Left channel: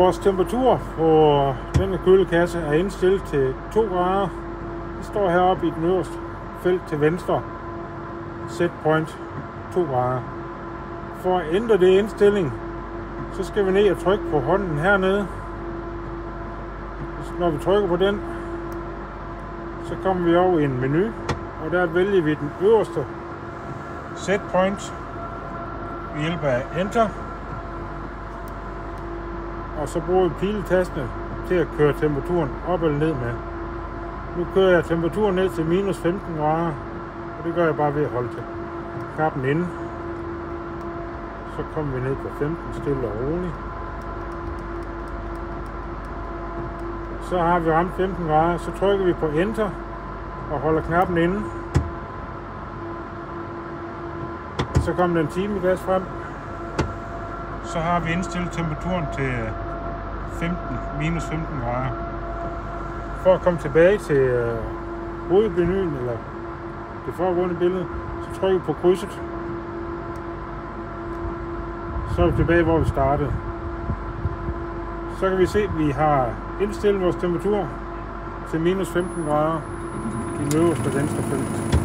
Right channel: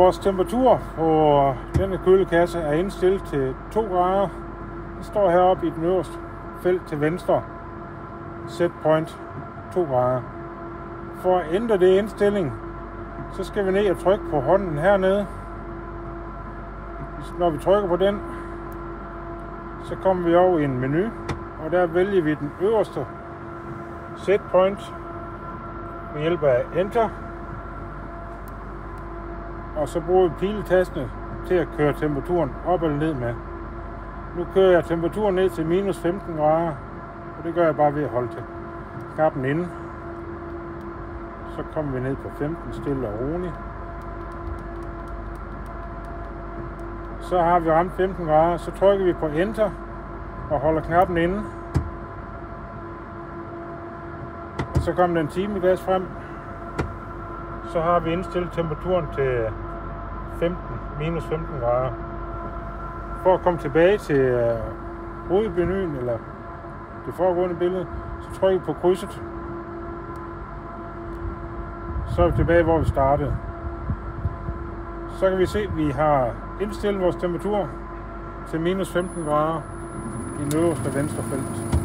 Vores temperatur på denne kølekasse er indstillet til 2 grader. Det står heroppe i den øverste felt til venstre. Set point 2 grader. For at ændre det indstilling, så skal vi ned og trykke på hånden hernede. Når vi trykker på den, så kommer vi over i en menu, og der vælger vi den øverste set point ved hjælp af Enter. Og så bruger vi piletastene til at køre temperaturen op eller ned med. Nu kører jeg temperaturen ned til minus 15 grader, og det gør jeg bare ved at holde knappen inde. Så kommer vi ned på 15, stille og roligt. Så har vi ramt 15 grader, så trykker vi på Enter og holder knappen inde. Så kommer den timeglas frem. Så har vi indstillet temperaturen til minus 15 grader. For at komme tilbage til hovedmenuen eller det foregående billede, så trykker vi på krydset. Så er vi tilbage, hvor vi startede. Så kan vi se, at vi har indstillet vores temperatur til minus 15 grader i den øverste venstre felt.